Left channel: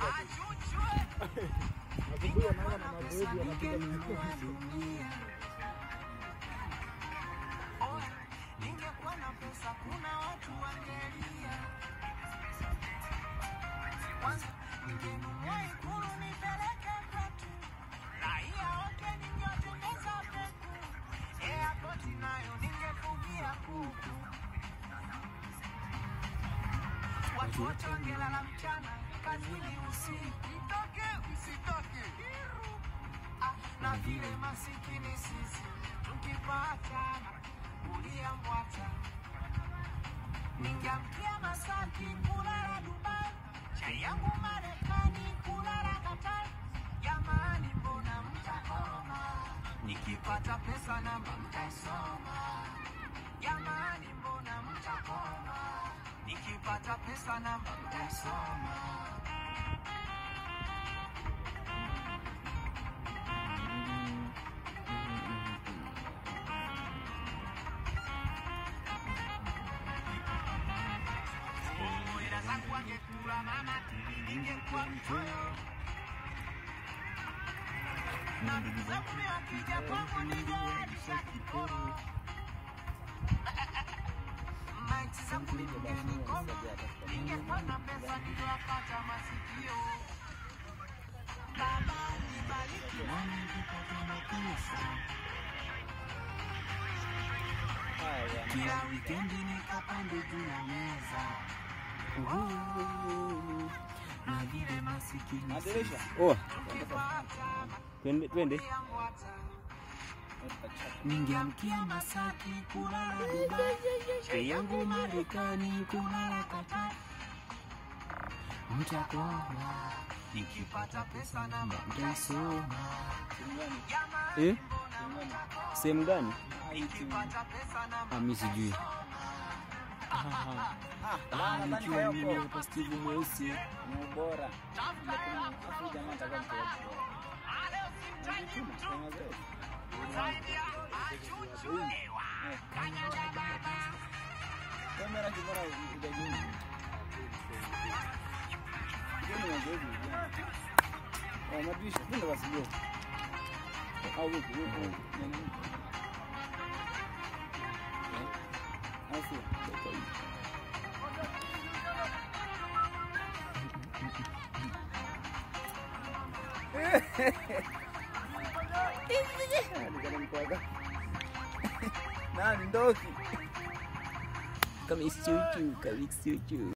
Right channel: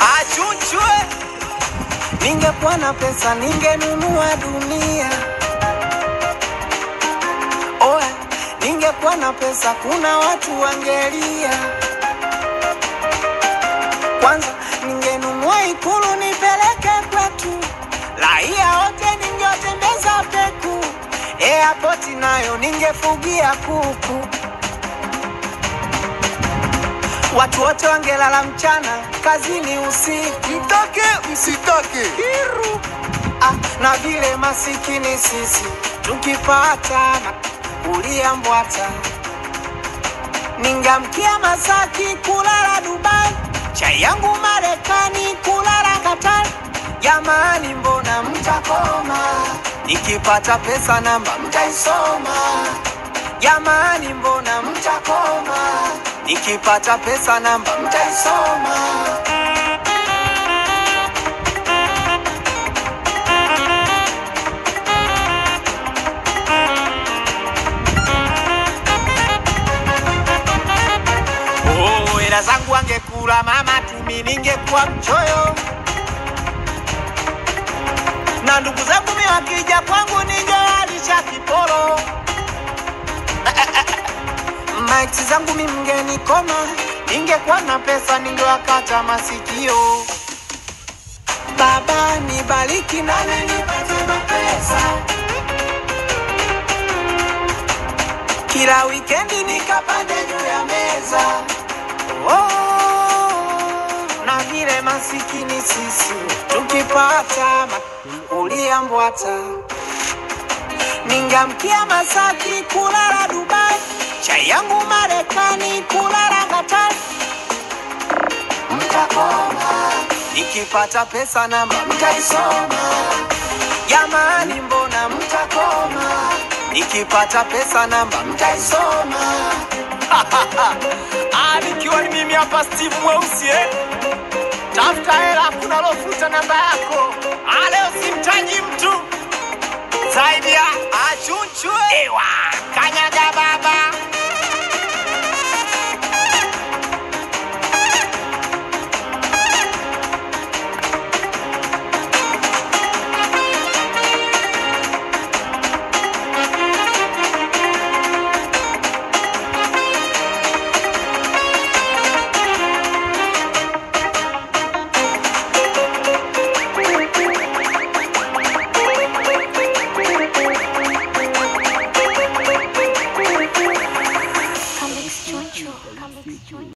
Achunchwe. Ningekuwa na pesa ningenunua dunia. Oe, ningekuwa na pesa kuna watu wangelia. Kwanza ningenunua Ikulu nipeleke kwetu. Raia wote ningetembeza peku. Airport nayo ningefugia kuku. Watu wote wangelala mchana, kazini usiku. Mtake msitake Kiru. Na vile masikini sisi tukipata ulia mbwata. Ningamkia Masaki kulala Dubai, chai yangu Marekani kulala Qatar. Jamani mbona mtakoma? Nikipata pesa namba mtaisoma. Jamani mbona mtakoma? Nikipata pesa namba mtaisoma. Hela zangu angekula mama tumi ningekuwa mchoyo. Na ndugu zangu mimi wakija kwangu ningewalisha kiporo. Maiti zangu mimi mngenikoma, ningekuwa na pesa ningewakata masikio. Baba nibariki na nipate pesa. Kila weekendi nikapande juu ya meza. Na vile masikini sisi tukipata ulia mbwata. Ningamkia Masaki kulala Dubai, chai yangu Marekani kulala Qatar. Mtakoma. Nikipata pesa namba mtaisoma. Jamani mbona mtakoma? Nikipata pesa namba mtaisoma. Nikiwa ni mimi hapa Steve Mweusi Tafuta hela kuna lofuta namba yako. Leo simtaji mtu zaidi ya Achunchwe. Ewa.